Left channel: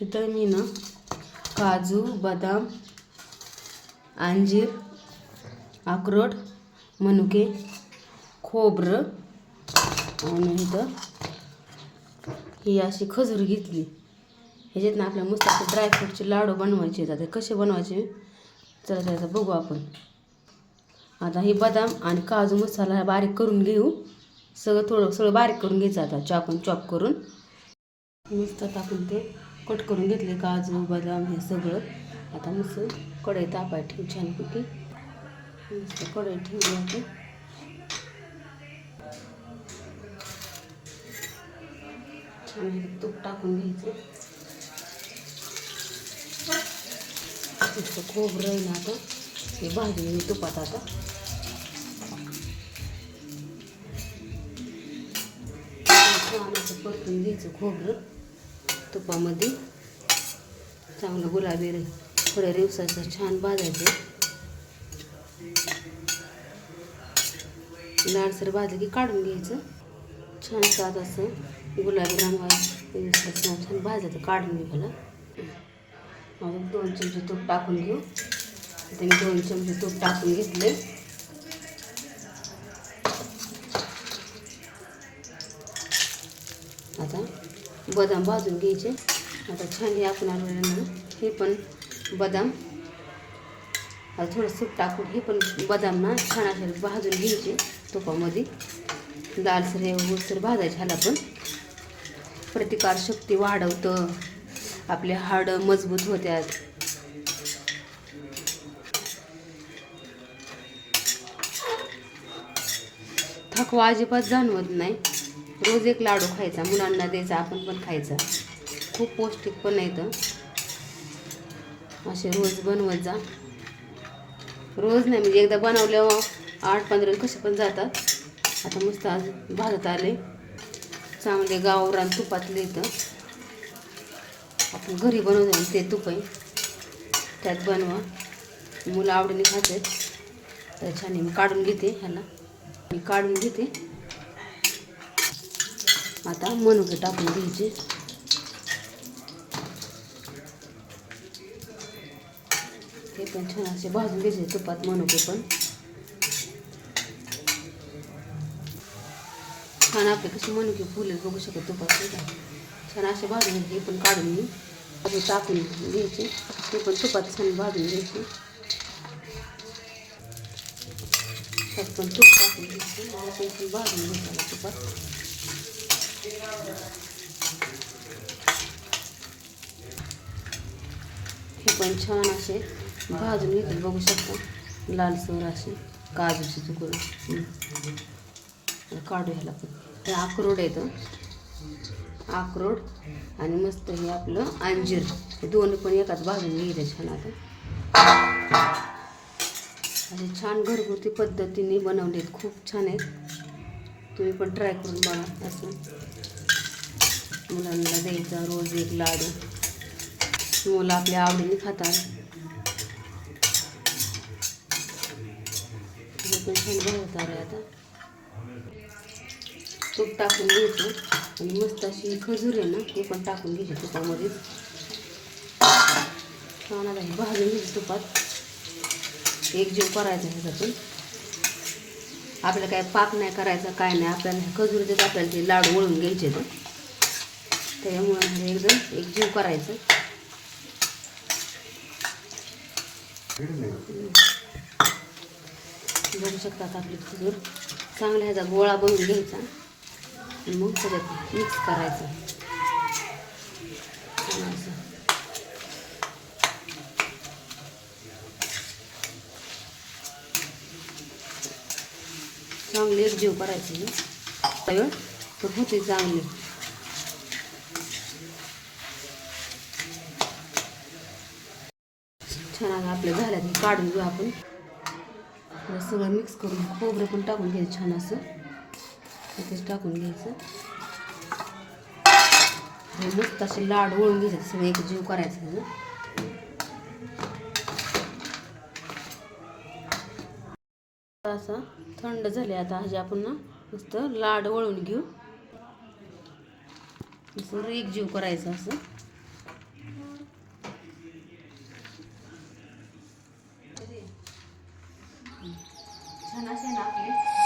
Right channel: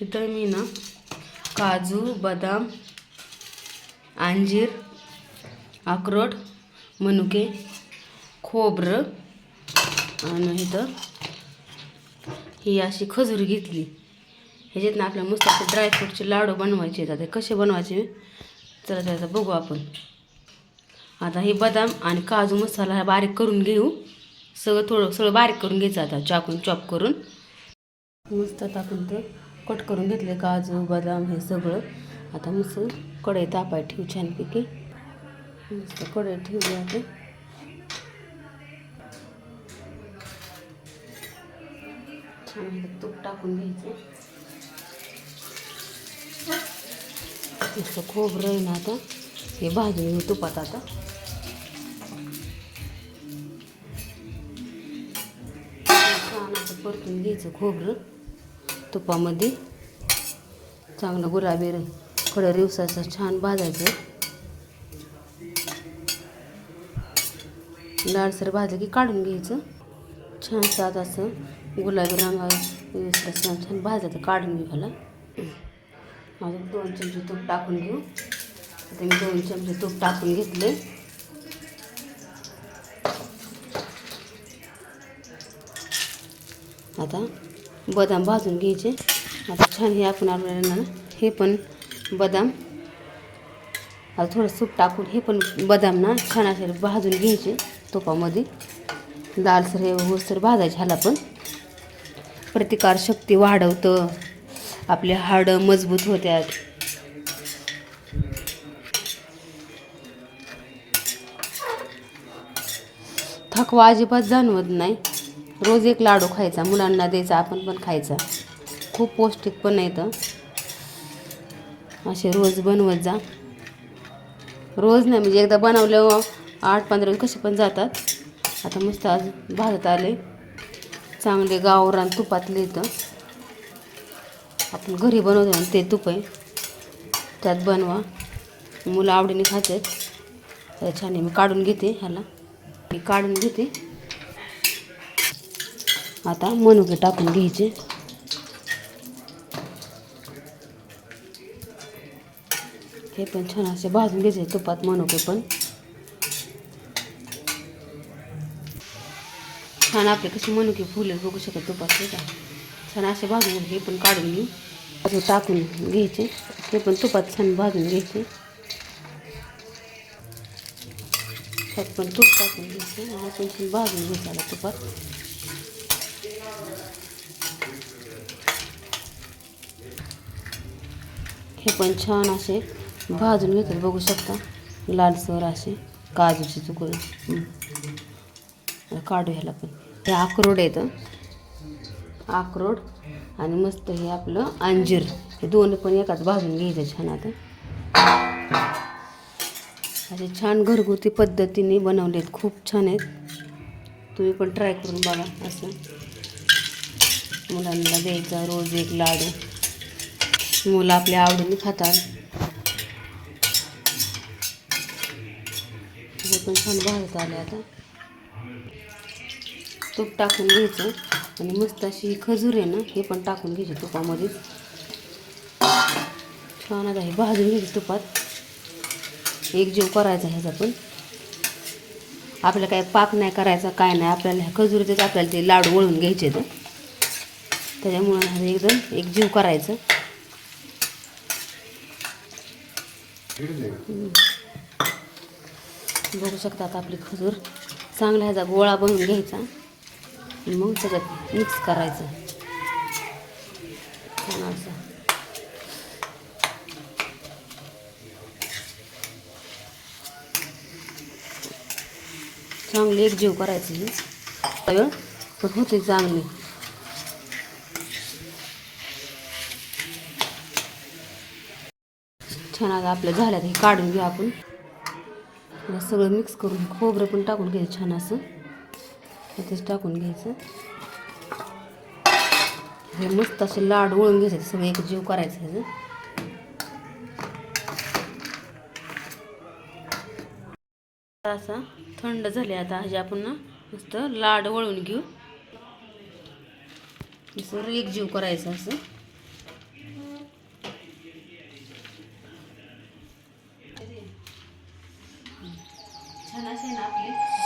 इथं मी ना काजू बदाम अंजीर अक्रोड मनुके खोबरं आणि इथं ही अशी खजूर घेतली. ह्याच्यातनं आपल्या मस्त असे ड्रायफ्रूटचे लाडू बनवायचे आहेत. आता कसे बनवायचे? चला तर बघू आपण. आता हे बदाम आणि काजू मसाला हा बारीक करून घेऊ. सगळं थोडं सगळं बारीक करून घ्यायचं आता. चाकून चॉप करून. मस्त टाकून ते कट करून घेतले काजू बदाम हे सगळं. आता मस्त कढई तापाय ठेवू छानपैकी. मस्त कढई ठेवली आता छान तूप टाकून घ्यायचं. नुसतं खोबरं आहे ना आता हे भाजून मी तुपात आता. छान असं परतून घ्यायचं खोबरं. तुपामध्ये चांगलं गुलाबी रे थोडं रिवसाचं छान भाजायचं. लालसर भाजलं की काढून घ्यायचं. छान सात असं गुलाबी रंगावर छान भाजायचं काढून घ्यायला माझे दोन चमचे तूप टाकून घेऊ. आता मी दोन चमचे तूप टाकून घेतले. आता बदाम भाजून घ्यायचे. आता छान हे आपण आपल्याला हे पण बदाम. आता थोडं सूप टाकून हे पण बदाम ना छान असे भाजून घ्यायचे तुपामध्ये. लालसर हे ओलसर भाजायचे ह्याला पण. प्रतिकारशक्ती वाढवतं. आपले हाडं मजबूत होत्यात. थकवा अजिबात जाणवत नाही. रोज एक लाडू खायचा मुलांना द्यायचा आपण पण खायचा. खूप पौष्टिक पण येतं असे रोज बनवत जा. रोज नाही म्हणजे एकदा बनवल्यावर आठ पंधरा कसे पण जातात. आता मस्त आज भाजत आले. चांगले गावरान तुपातले इथं. आपण घरी बनवतो ते तूप आहे. त्यात बनवा. मुलं आवडीने खातात. तर छान आहे. मी काढून घेते ह्याला. मी काढून घेते. आता मनुके टाकून घ्यायचे. हे पण छान असे भाजून घ्यायचे तुपात मनुके पण. छान आपले कसे मनुके फुले बघू शकत तुपात छान असे भाजून हे पण काढून घेऊ असे टाकून घ्यायचे ते पण तुपात छान भाजून घ्यायचे. त्यात पण तूप टाकून घ्यायचे भाजून घ्यायचं तुपात. हे पण छान असे. भाजून घेतले बघू शकता. लालसर असे काजूचे तुकडे काढू ह्याला पण. हे अक्रोड येतं अक्रोड आणि मस्त हे आपलं अंजीर. हे दोन पण एकाच भाजून घ्यायचं छान आता. असे छान घरगुती पद्धतीने बनवलेत. खूप छान आहेत. तुम्ही पण ट्राय करून बघा असं. मुलांना द्यायचा रोज एक लाडू. मुलं आपल्या आवडीने खातात. हे पण छान भाजत आले आता. तूप टाकून घ्यायचं. आणि मस्त अशी खजूर आहे ना हे पण टाकून घ्यायची तुपामध्ये. छान आता हे भाजून घ्यायचं तुपात. एक जीव करायचा ह्याचा पण. आपल्याला काय पाक नाही करायचा काय नाही. आपल्याला ह्या खजुरीचेच आपल्याला ते लाडू वळून घ्यायचे तर त्याच्यामुळे एकदम एक जीव करायचं. बघू शकता आता आपली खजूर. चांगला ह्याचा गोळा बनवून घ्यायचा. आणि मग सगळं मिक्स करायचं. असं. चांगली एकजीव करायची. ही. पण होते चांगली. छान आता आपल्या झाल्यात हे काढून घेऊ आपण. सगळं मिक्स करून खोबरं पण टाकून घ्यायचं छान असं. तेच टाकून घ्यायचं. हे मस्त असे लाड वळून घ्यायचे सगळं एक जीव करायचं ह्याचं असा थंड झाले आता ह्याचे आपण ना मस्त लाड वळून घेऊ. असं एक जीव करायचा असं. छान असे ना आपले